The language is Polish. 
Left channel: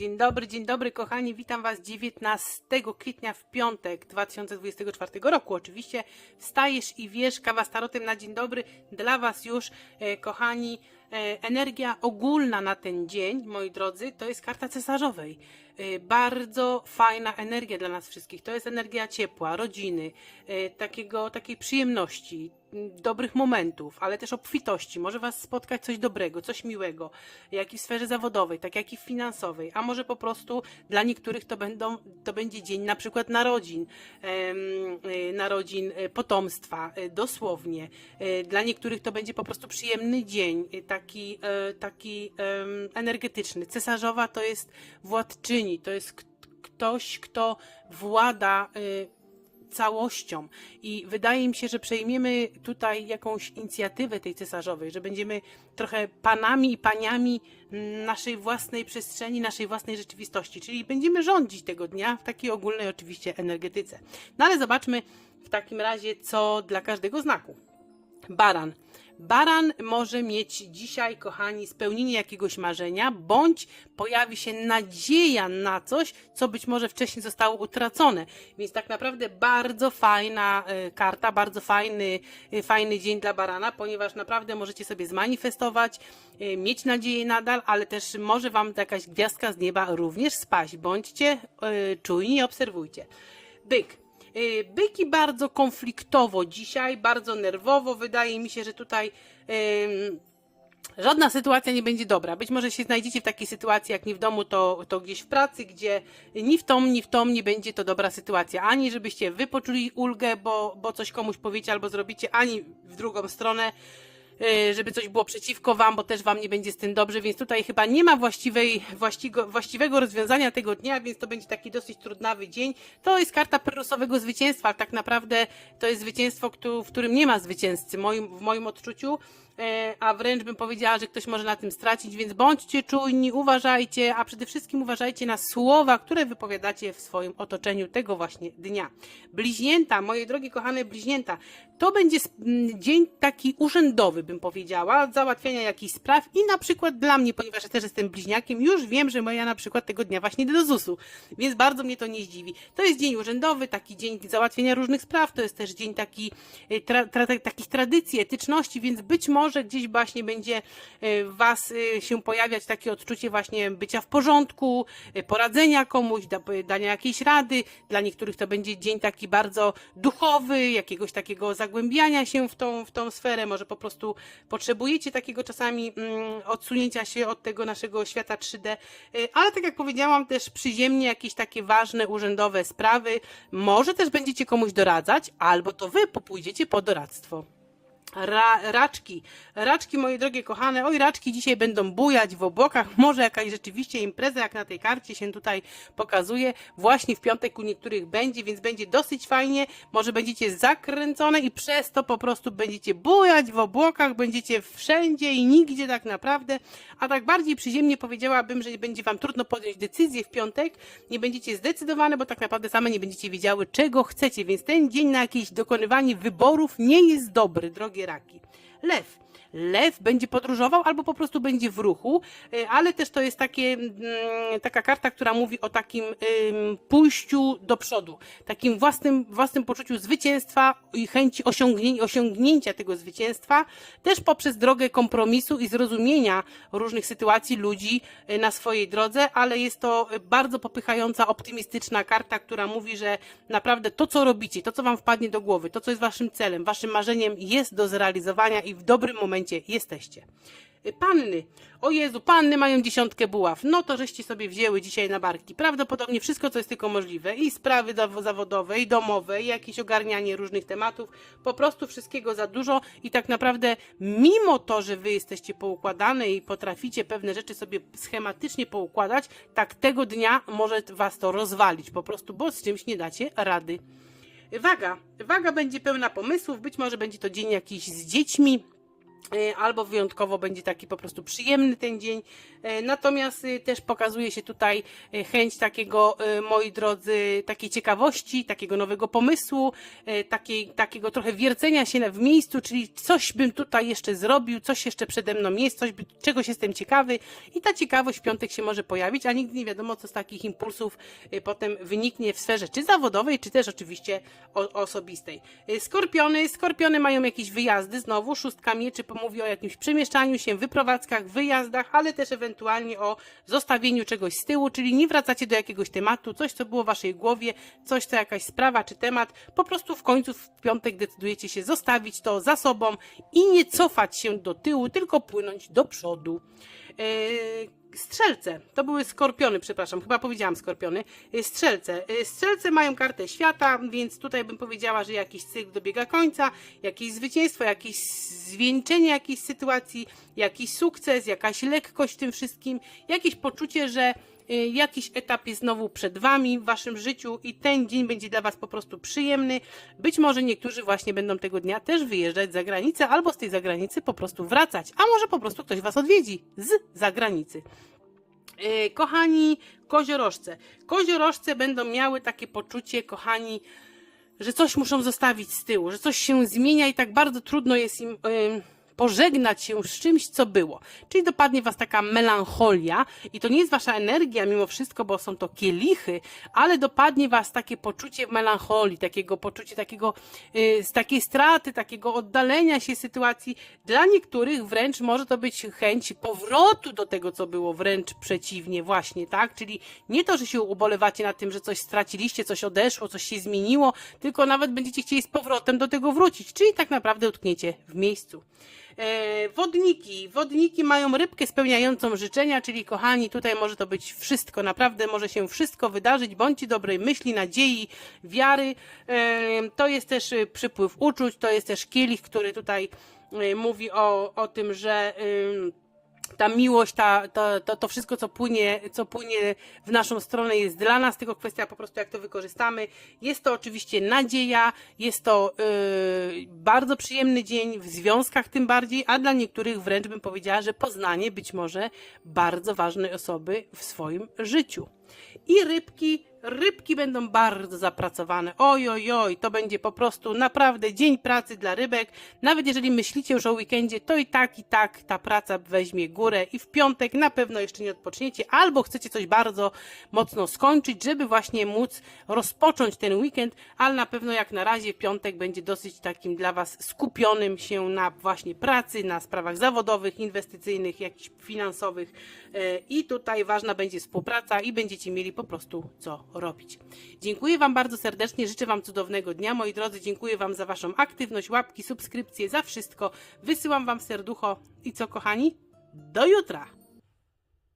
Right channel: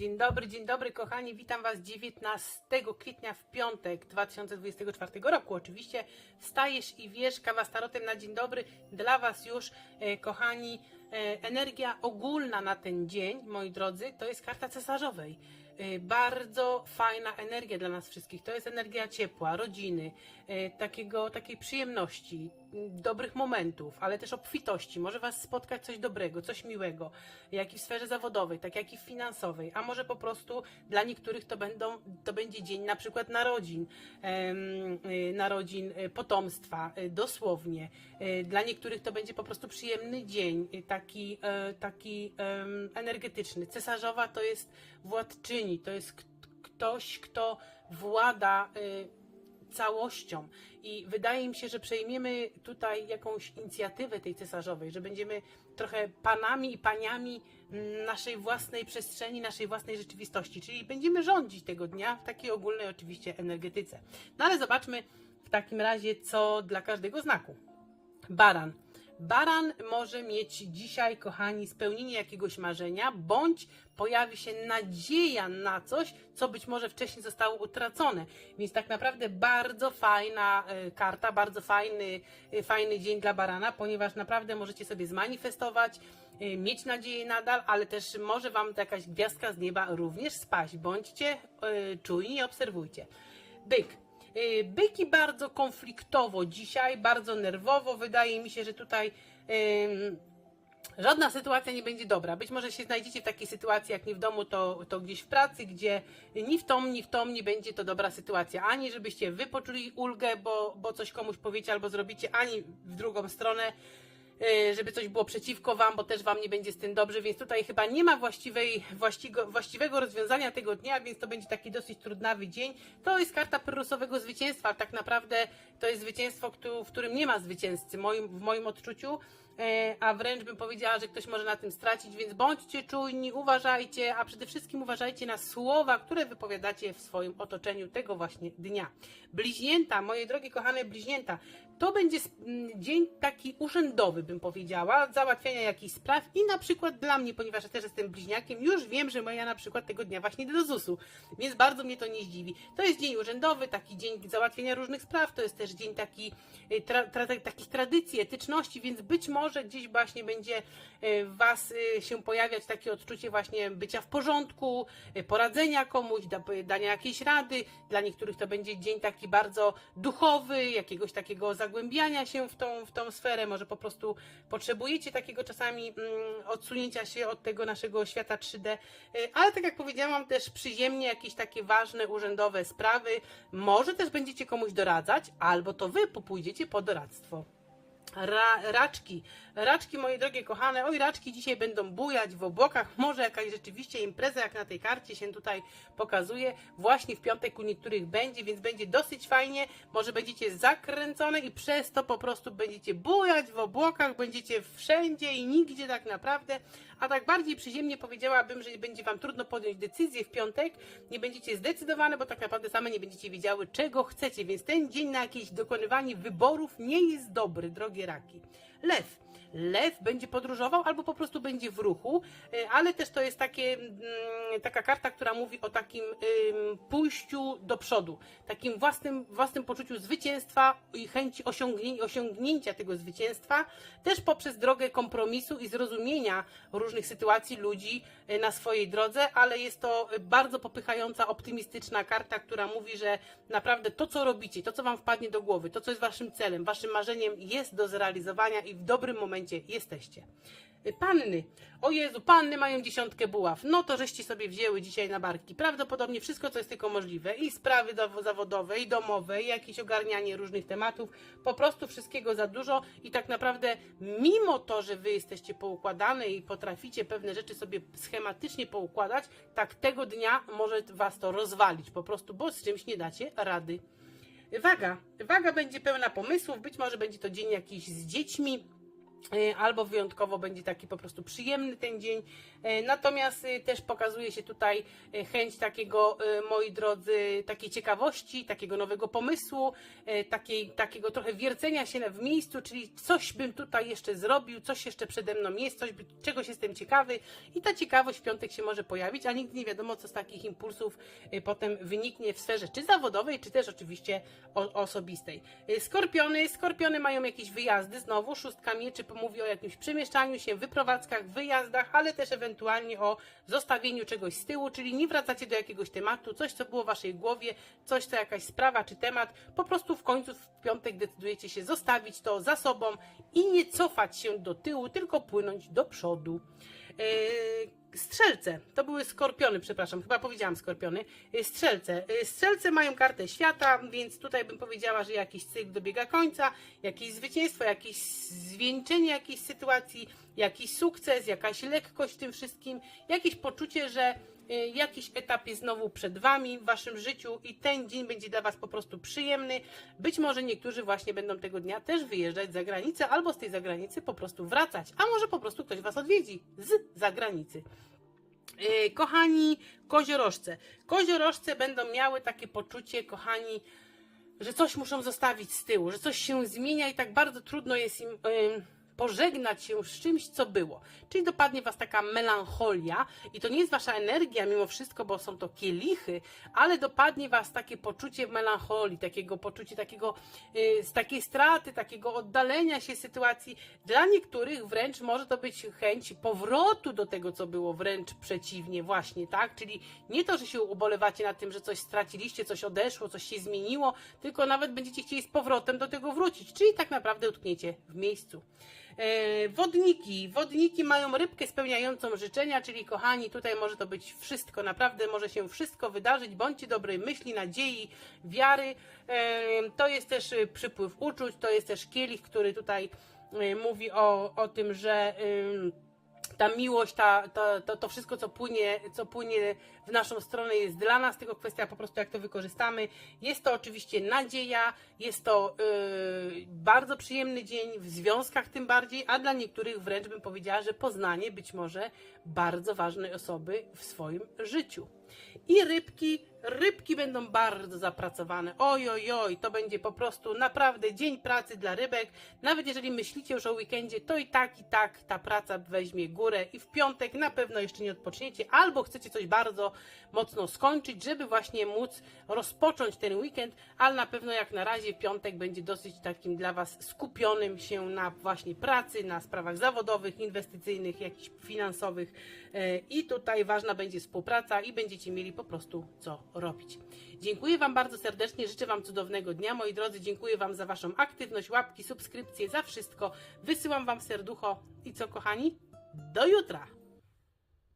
Dzień dobry, dzień dobry kochani, witam Was 19 kwietnia w piątek 2024 roku. Oczywiście wstajesz i wiesz, kawa z tarotem na dzień dobry dla Was już, e, kochani. E, energia ogólna na ten dzień, moi drodzy, to jest karta cesarzowej. E, bardzo fajna energia dla nas wszystkich. To jest energia ciepła, rodziny, e, takiego, takiej przyjemności, dobrych momentów, ale też obfitości. Może Was spotkać coś dobrego, coś miłego, jak i w sferze zawodowej, tak jak i finansowej, a może po prostu dla niektórych to, będą, to będzie dzień na przykład narodzin, y, narodzin y, potomstwa, y, dosłownie. Dla niektórych to będzie po prostu przyjemny dzień, taki, e, taki energetyczny. Cesarzowa to jest władczyni, to jest ktoś, kto włada całością. I wydaje mi się, że przejmiemy tutaj jakąś inicjatywę tej cesarzowej, że będziemy trochę panami i paniami naszej własnej przestrzeni, naszej własnej rzeczywistości, czyli będziemy rządzić tego dnia w takiej ogólnej oczywiście energetyce. No ale zobaczmy w takim razie, co dla każdego znaku. Baran. Baran może mieć dzisiaj, kochani, spełnienie jakiegoś marzenia, bądź pojawi się nadzieja na coś, co być może wcześniej zostało utracone. Więc tak naprawdę bardzo fajna e, karta, bardzo fajny, e, fajny dzień dla barana, ponieważ naprawdę możecie sobie zmanifestować, e, mieć nadzieję nadal, ale też może Wam jakaś gwiazdka z nieba również spaść. Bądźcie czujni i obserwujcie. Byk. Y, Byki bardzo konfliktowo dzisiaj, bardzo nerwowo. Wydaje mi się, że tutaj żadna sytuacja nie będzie dobra. Być może się znajdziecie w takiej sytuacji, jak nie w domu, to, to gdzieś w pracy, gdzie ni w tom, ni w tom nie będzie to dobra sytuacja. Ani żebyście wy poczuli ulgę, bo, bo coś komuś powiecie albo zrobicie, ani w drugą stronę żeby coś było przeciwko Wam, bo też Wam nie będzie z tym dobrze, więc tutaj chyba nie ma właściwej, właścigo, właściwego rozwiązania tego dnia, więc to będzie taki dosyć trudnawy dzień. To jest karta prorosowego zwycięstwa, ale tak naprawdę to jest zwycięstwo, w którym nie ma zwycięzcy w moim odczuciu, e, a wręcz bym powiedziała, że ktoś może na tym stracić, więc bądźcie czujni, uważajcie, a przede wszystkim uważajcie na słowa, które wypowiadacie w swoim otoczeniu tego właśnie dnia. Bliźnięta, moje drogie kochane bliźnięta, to będzie dzień taki urzędowy, bym powiedziała, załatwiania jakichś spraw i na przykład dla mnie, ponieważ ja też jestem bliźniakiem, już wiem, że moja na przykład tego dnia właśnie do ZUS-u, więc bardzo mnie to nie zdziwi. To jest dzień urzędowy, taki dzień załatwienia różnych spraw, to jest też dzień taki, y, tra, tra, takich tradycji, etyczności, więc być może gdzieś właśnie będzie y, Was y, się pojawiać takie odczucie właśnie bycia w porządku, poradzenia komuś, da, dania jakiejś rady. Dla niektórych to będzie dzień taki bardzo duchowy, jakiegoś takiego zagłębiania się w tą, w tą sferę. Może po prostu potrzebujecie takiego czasami mm, odsunięcia się od tego naszego świata 3D. Y, Ale tak jak powiedziałam, też przyziemnie jakieś takie ważne urzędowe sprawy. Może też będziecie komuś doradzać, albo to wy popójdziecie po doradztwo. Ra, raczki, raczki moje drogie kochane, oj raczki dzisiaj będą bujać w obłokach, może jakaś rzeczywiście impreza jak na tej karcie się tutaj pokazuje, właśnie w piątek u niektórych będzie, więc będzie dosyć fajnie, może będziecie zakręcone i przez to po prostu będziecie bujać w obłokach, będziecie wszędzie i nigdzie tak naprawdę, a tak bardziej przyziemnie powiedziałabym, że będzie Wam trudno podjąć decyzję w piątek, nie będziecie zdecydowane, bo tak naprawdę same nie będziecie wiedziały, czego chcecie, więc ten dzień na jakieś dokonywanie wyborów nie jest dobry, drogie raki. Lew. Lew będzie podróżował albo po prostu będzie w ruchu, y, ale też to jest takie, mm, taka karta, która mówi o takim pójściu do przodu, takim własnym, własnym poczuciu zwycięstwa i chęci osiągnięcia, osiągnięcia tego zwycięstwa, też poprzez drogę kompromisu i zrozumienia różnych sytuacji ludzi y, na swojej drodze, ale jest to bardzo popychająca, optymistyczna karta, która mówi, że naprawdę to, co robicie, to, co wam wpadnie do głowy, to, co jest waszym celem, waszym marzeniem, jest do zrealizowania i w dobrym momencie jesteście. Y, Panny, o Jezu, panny mają dziesiątkę buław. No to żeście sobie wzięły dzisiaj na barki. Prawdopodobnie wszystko, co jest tylko możliwe. I sprawy zaw- zawodowe, i domowe, i jakieś ogarnianie różnych tematów. Po prostu wszystkiego za dużo i tak naprawdę mimo to, że wy jesteście poukładane i potraficie pewne rzeczy sobie schematycznie poukładać, tak tego dnia może was to rozwalić po prostu, bo z czymś nie dacie rady. Waga. Waga będzie pełna pomysłów, być może będzie to dzień jakiś z dziećmi, albo wyjątkowo będzie taki po prostu przyjemny ten dzień. E, Natomiast e, też pokazuje się tutaj e, chęć takiego, e, moi drodzy, takiej ciekawości, takiego nowego pomysłu, e, takiej, takiego trochę wiercenia się w miejscu, czyli coś bym tutaj jeszcze zrobił, coś jeszcze przede mną jest, coś, czegoś jestem ciekawy i ta ciekawość w piątek się może pojawić, a nigdy nie wiadomo, co z takich impulsów e, potem wyniknie w sferze czy zawodowej, czy też oczywiście osobistej. E, Skorpiony, skorpiony mają jakieś wyjazdy, znowu szóstka mieczy pomówi o jakimś przemieszczaniu się, wyprowadzkach, wyjazdach, ale też ewentualnie o zostawieniu czegoś z tyłu, czyli nie wracacie do jakiegoś tematu, coś co było w waszej głowie, coś co jakaś sprawa czy temat, po prostu w końcu w piątek decydujecie się zostawić to za sobą i nie cofać się do tyłu, tylko płynąć do przodu. Eee, Strzelce, to były skorpiony, przepraszam, chyba powiedziałam skorpiony. Eee, Strzelce. Eee, Strzelce mają kartę świata, więc tutaj bym powiedziała, że jakiś cykl dobiega końca, jakieś zwycięstwo, jakieś zwieńczenie jakiejś sytuacji, jakiś sukces, jakaś lekkość w tym wszystkim, jakieś poczucie, że y, jakiś etap jest znowu przed Wami w Waszym życiu i ten dzień będzie dla Was po prostu przyjemny. Być może niektórzy właśnie będą tego dnia też wyjeżdżać za granicę albo z tej zagranicy po prostu wracać, a może po prostu ktoś Was odwiedzi z zagranicy. Yy, Kochani koziorożce. Koziorożce będą miały takie poczucie, kochani, że coś muszą zostawić z tyłu, że coś się zmienia i tak bardzo trudno jest im ym, pożegnać się z czymś, co było. Czyli dopadnie was taka melancholia i to nie jest wasza energia mimo wszystko, bo są to kielichy, ale dopadnie was takie poczucie melancholii, takiego poczucie takiego, y, z takiej straty, takiego oddalenia się sytuacji. Dla niektórych wręcz może to być chęć powrotu do tego, co było, wręcz przeciwnie właśnie, tak? Czyli nie to, że się ubolewacie nad tym, że coś straciliście, coś odeszło, coś się zmieniło, tylko nawet będziecie chcieli z powrotem do tego wrócić, czyli tak naprawdę utkniecie w miejscu. E, wodniki. Wodniki mają rybkę spełniającą życzenia, czyli kochani, tutaj może to być wszystko, naprawdę może się wszystko wydarzyć. Bądźcie dobrej myśli, nadziei, wiary. E, to jest też e, przypływ uczuć, to jest też kielich, który tutaj mówi o, o tym, że. Ta miłość, ta, ta, to, to wszystko, co płynie, co płynie w naszą stronę, jest dla nas, tylko kwestia po prostu, jak to wykorzystamy. Jest to oczywiście nadzieja, jest to yy, bardzo przyjemny dzień, w związkach tym bardziej, a dla niektórych wręcz bym powiedziała, że poznanie być może bardzo ważnej osoby w swoim życiu. I rybki, rybki będą bardzo zapracowane. Oj, oj, oj, to będzie po prostu naprawdę dzień pracy dla rybek. Nawet jeżeli myślicie już o weekendzie, to i tak, i tak ta praca weźmie górę i w piątek na pewno jeszcze nie odpoczniecie, albo chcecie coś bardzo mocno skończyć, żeby właśnie móc rozpocząć ten weekend, ale na pewno jak na razie piątek będzie dosyć takim dla Was skupionym się na właśnie pracy, na sprawach zawodowych, inwestycyjnych, jakichś finansowych i tutaj ważna będzie współpraca i będziecie mieli po prostu co robić. Dziękuję Wam bardzo serdecznie, życzę Wam cudownego dnia, moi drodzy, dziękuję Wam za Waszą aktywność, łapki, subskrypcje, za wszystko. Wysyłam Wam serducho i co kochani? Do jutra!